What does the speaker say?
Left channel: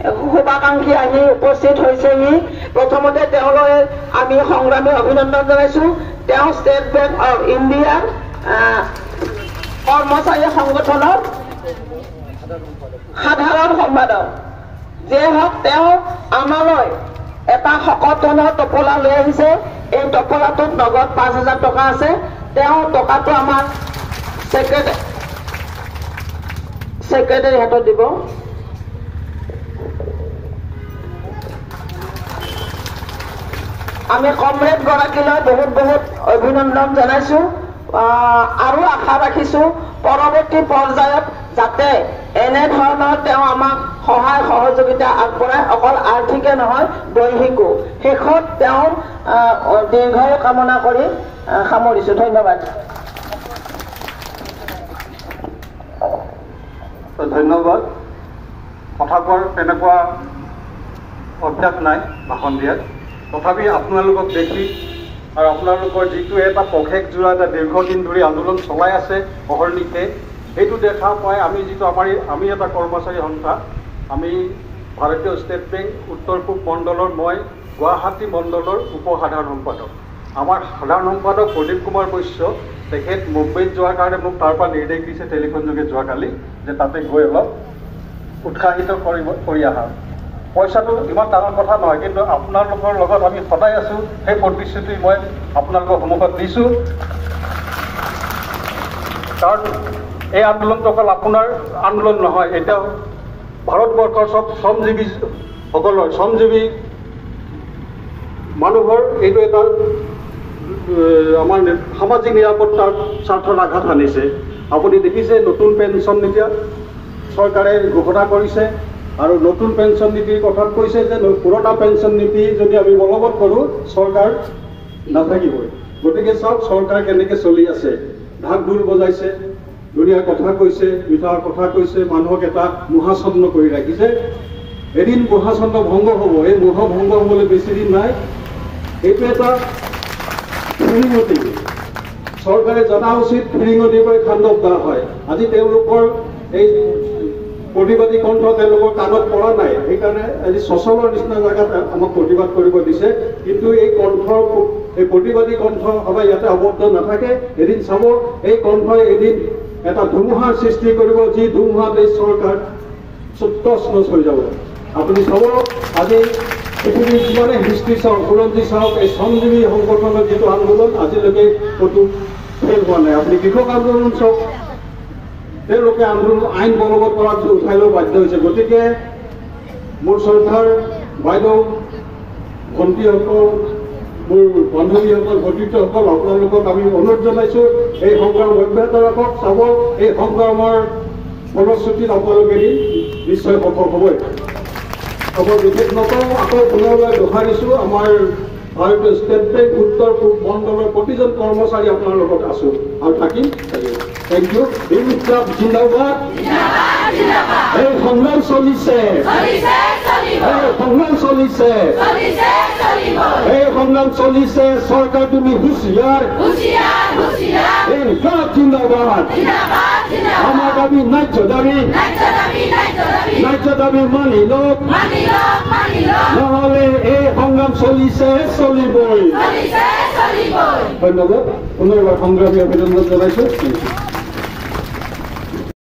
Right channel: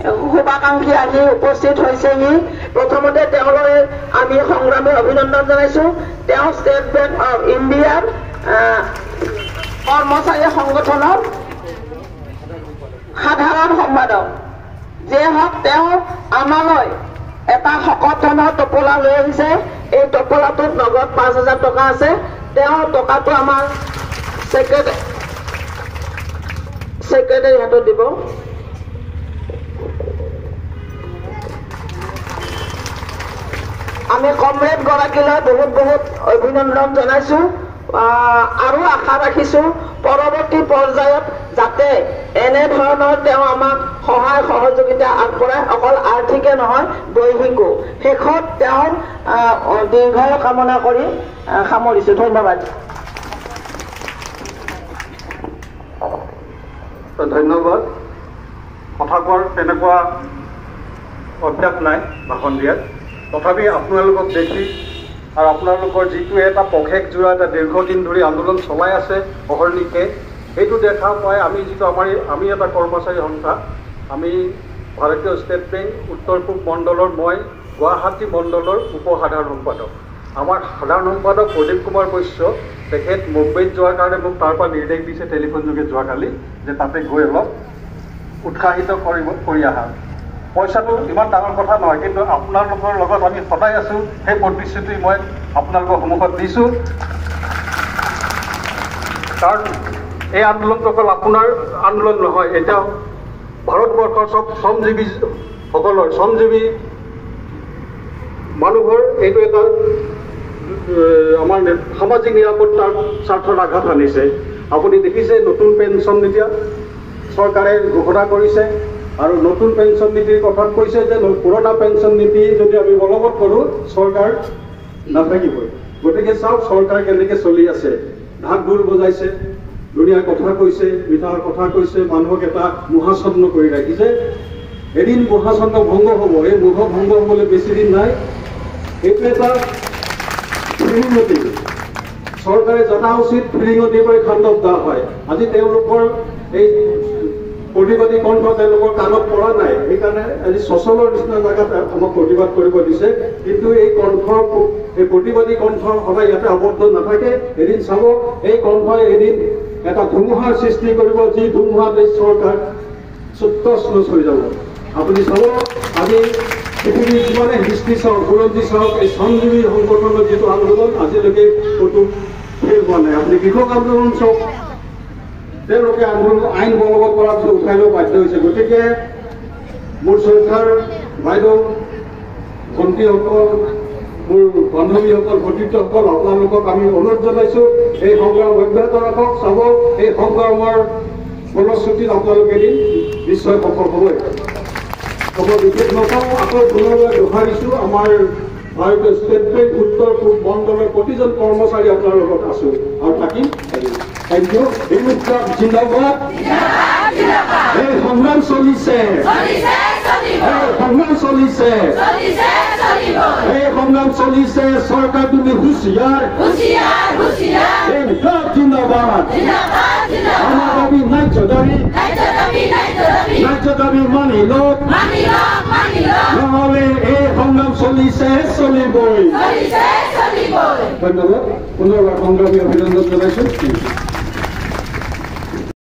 শুভাকাংক্ষী আহি উপস্থিত হৈছেহি প্ৰথমতে তেওঁলৈ আমি সংগ্ৰামী অভিনন্দন জনাইছো তেওঁ ষ্টেট বেংক অফ ইণ্ডিয়াৰ কৰ্মচাৰী সংগঠনৰ সাধাৰণ সম্পাদক যে হওক তেওঁ আমালৈ এটা শকত ধনৰ টোপোলা লৈ আহিছে এই টোপোলাটোত নগদ ৫,০০০ টকা আছে তেওঁ টকাটো আমাৰ সেক্ৰেটাৰী হাতত দিব আমি কমৰেড গৰাকীলৈ বহুত বহুত অভিনন্দন জনাইছো আৰু আশা ৰাখিছো পৰৱৰ্তী পৰ্যায়ত যাতে এনে ধৰণৰ তেওঁ আমাক সহায় সহযোগিতা আগবঢ়ায় অকল আৰ্থিকে নহয় দৈহিকো শেষত তেওঁৰ দীৰ্ঘায়ু কামনা কৰি সামৰিছো ধন্যবাদ ধন্যবাদ কথা কোৱাৰ তেনেকুৱা অভ্যাস নাই ভাষণ দিয়াত তথাপি আপোনালোকক দেখি আৰু আপোনালোকৰ যিটো এটা পষেকজোৰা এটা দীৰ্ঘদিন ধৰি আন্দোলন চলাই আছে অহৰ্নিশে সেইটো দেখা পাই আমি এটা কৰ্মচাৰী সংস্থা আমি ভাৰতীয় ষ্টেট বেংক উত্তৰ পূব মণ্ডলৰ মই গুৱাহাটী মণ্ডলৰ উপসাধাৰণ সম্পাদক আমাৰ সাধাৰণ সম্পাদক প্ৰদীপ কুমাৰ বৈশ্য তেখেত মুম্বাইত যোৱাৰ কাৰণে মোক তাৰ পৰা নিৰ্দেশ দিছে টেলিফোন যোগে যোৱাকালি যে তাতে গৈ অলপ উৎসাহিত কৰি আহা পইচাটো ইমান ডাঙৰ কথা নহয় কিন্তু আপোনালোকৰ লগত আমি সদায় আছো সেই প্ৰতিশ্ৰুতি মই আপোনালোকৰ সন্মুখত দিছোঁ কাৰণ এই আন্দোলনটো অকল আপোনাৰ আন্দোলন নহয় এতিয়া ভাৰতবৰ্ষৰ চব শ্ৰমজীৱী মানুহৰ এইটো এটা আমাৰ সামাজিক নিৰাপত্তাৰ স্বাৰ্থত আঘাত আনিছে আপুনি দেখিছে নতুন পেঞ্চন নীতি চৰকাৰে ঘোষণা কৰিছে আৰু নতুন পেঞ্চন নীতিৰ কথাত কৈছে যে পুৰণা পেঞ্চন নীতি যদি আমি বলবৎ কৰোঁ চৰকাৰ নাথাকিবই গতিকে চাওক চৰকাৰ কেনেকৈ চলি আছে ঢাক ঢোল বজাইছে ধুনীয়া কথা কৈছে মিঠাৰ কথা কৈছে মানুহক এটা মহাচন্ন কৰি ৰাখিছে এদিন মহাচন্ন ভংগ হ'ব এই মহ ভংগ হ'বলৈ বেছি দিন নাই এইটো এটা ফিৰিঙতি চৰকাৰে জনা উচিত ফিৰিঙতি কৰি খাণ্ডৱ দা হয় আজি তেওঁলোকৰ এই প্ৰতিবাদী কণ্ঠ তেওঁলোকৰ কাণত পৰা নাই সেইকাৰণে আজি সচলৰ নিচিনা জেগাত আমাক প্ৰতিবাদ কৰিব দিছে কিন্তু এই প্ৰতিবাদী কণ্ঠ সদায় ইয়াতে আবদ্ধ নাথাকে এদিন চাব এই কণ্ঠই এদিন এটা ধুমুহাৰ সৃষ্টি কৰিব যি ধুমুহাত এই চৰকাৰ চুত্তচ হৈ যাব আপুনি চাব আজি পৃথিৱীৰ যিমানে হিষ্ট্ৰী চাওক বুৰঞ্জী চাওক এই শ্ৰমজীৱী সংগঠনৰ যিটো আন্দোলন আজিলৈকে ক'তো ফেল হোৱা নাই আপুনি কৃষক আন্দোলন চাওক তেওঁলোকে আন্দোলন আইন বলবৎ কৰাত উঠাই লৈ বাধ্য হৈছে গতিকে মোৰ শ্ৰদ্ধাৰ বাইদেউ ভণ্টিসকল মোৰ বান্ধৱীসকল ভতিজাসকল আপোনালোকক আমি অনুৰোধ জনাইছোঁ এই সংগ্ৰাম অব্যাহত ৰাখক চাব এই সংগ্ৰামৰ ফলশ্ৰুতিত আপোনালোকে এদিন নিশ্চয় সফল হ'বই খবৰ বিশেষ নকওঁ আকৌ পুনৰবাৰ দোহাৰিছোঁ আমাৰ ভাৰতীয় ষ্টেট বেংক উত্তৰ পূব মণ্ডলৰ প্ৰতিজন কৰ্মচাৰী আপোনাৰ লগত আছোঁ আৰু থাকিম থেংক ইউ জিন্দাবাদ এই সংগ্ৰাম চলিছে চৰকাৰ তুমি হুঁচিয়াৰ জিন্দাবাদ আমাৰ দাবী ন্যায্য দাবী মানি লওক নহ'লে এই সংগ্ৰাম চলিবই ধন্যবাদ পুনৰবাৰ সংগ্ৰামী অভিনন্দন জনাইছোঁ